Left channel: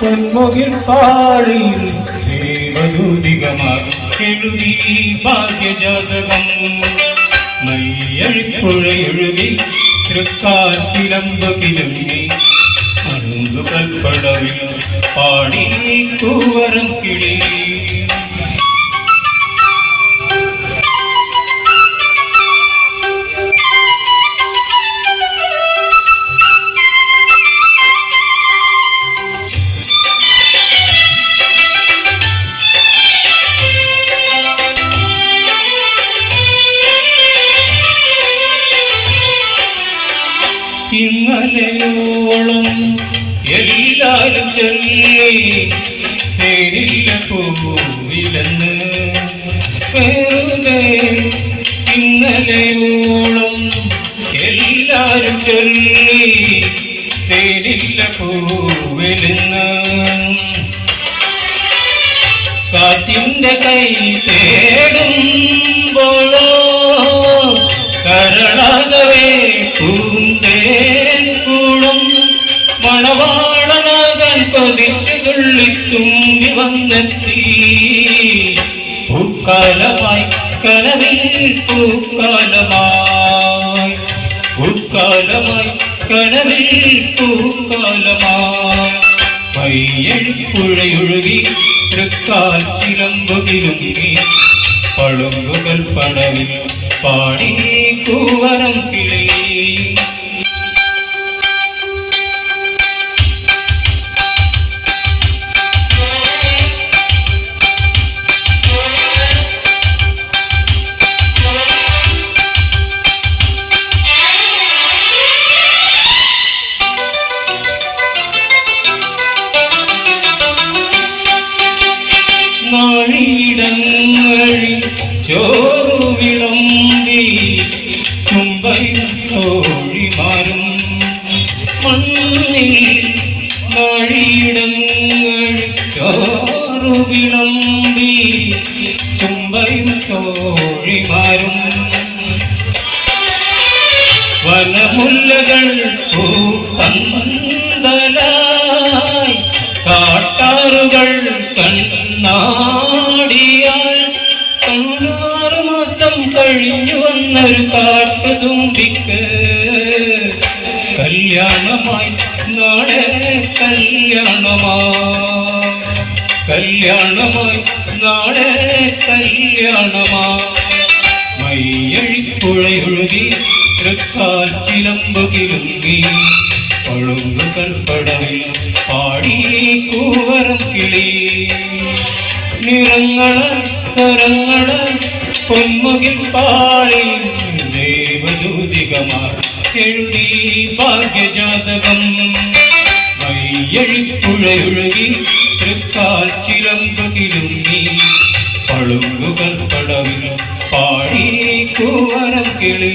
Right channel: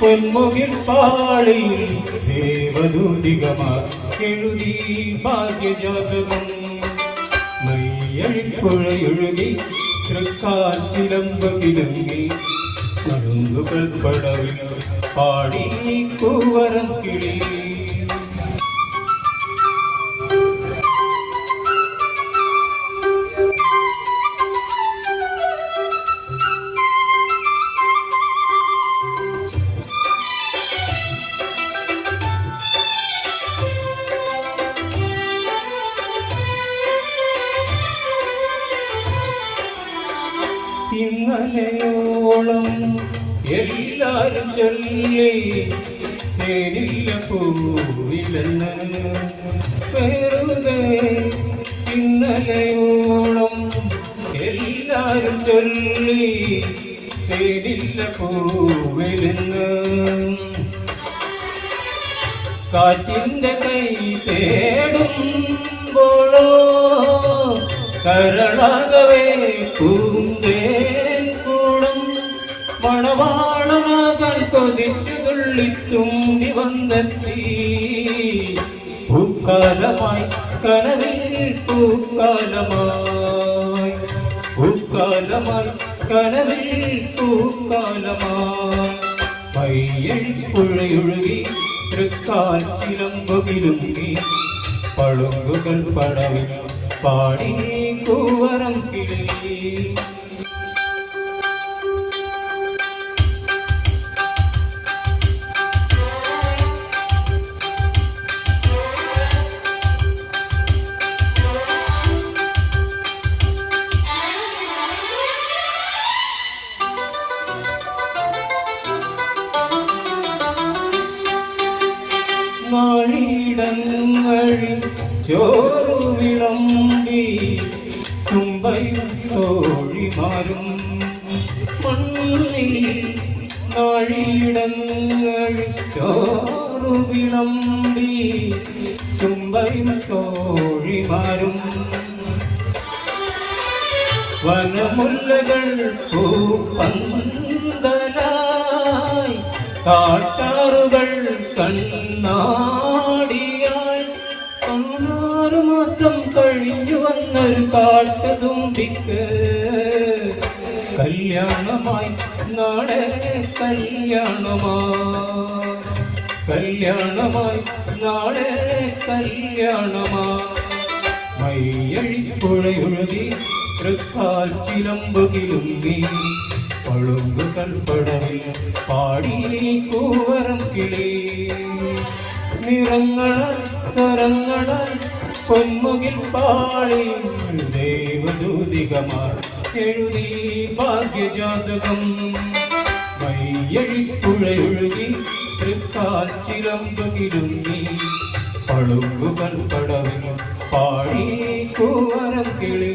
പൊന്മുകിൽ പാളിയിൽ ദേവദൂതികമാർ എഴുതി ഭാഗ്യജാതകം. മയ്യഴിപ്പുഴയൊഴുകി തൃക്കാറ്റിലമ്പ് കിലുങ്ങി കൽപ്പടവിൽ പാടി കൂവരം കിളി. ഇന്നലെയോളം എല്ലാരും ചൊല്ലി നേരില്ല പോവില്ലെന്ന് വെറുതെ. ഇന്നലെയോളം എല്ലാരും ചൊല്ലി നേരില്ല പോവില്ലെന്ന്. കാറ്റിന്റെ കൈ തേടുമ്പോഴോ കരളാകവേ മണവാളനാകാൻ കൊതിച്ചു തുള്ളിത്തുമ്പി വന്നെത്തി. പൂക്കാലമായി കനവിൽ പൂക്കാലമായി, പൂക്കാലമായി കനവിൽ പൂക്കാലമായി. മയ്യഴിപ്പുഴയൊഴുകി തൃക്കാൽ ചിലമ്പുകിലുങ്ങി പളുങ്കുകൾ പടവിൽ പാടി കൂവരം കിളി. നാഴിയിടങ്ങഴി ചോറു വിളമ്പി തുമ്പയും തോഴിമാരും മണ്ണിൽ. നാഴിയിടങ്ങഴി ചോറു വിളമ്പി തുമ്പയും തോഴിമാരും വനമുല്ലകൾ പൂപ്പന്തലായി കാട്ടാറുകൾ കണ്ണാടിയാൽ 16 മാസം കഴിഞ്ഞു വന്നൊരു കാട്ടുതുമ്പിക്ക് കല്യാണമായി നാളെ കല്യാണമായി, കല്യാണമായി നാളെ കല്യാണമായി. മയ്യഴിപ്പുഴയൊഴുകി തൃക്കാറ്റിലമ്പുകിലുങ്ങി പളുങ്കുകൾ പടവിൽ പാടി കൂവരം കിളി. നിറങ്ങള സ്വരങ്ങള പൊന്മുകിൽ പാളി ദേവദൂതികമാർ എഴുതി ഭാഗ്യജാതകം. മയ്യഴിപ്പുഴയൊഴുകി തൃക്കാൽ ചിലമ്പുകിലുങ്ങി പളുങ്കുകൾ പടവിൽ പാടി കൂവരം കിളി.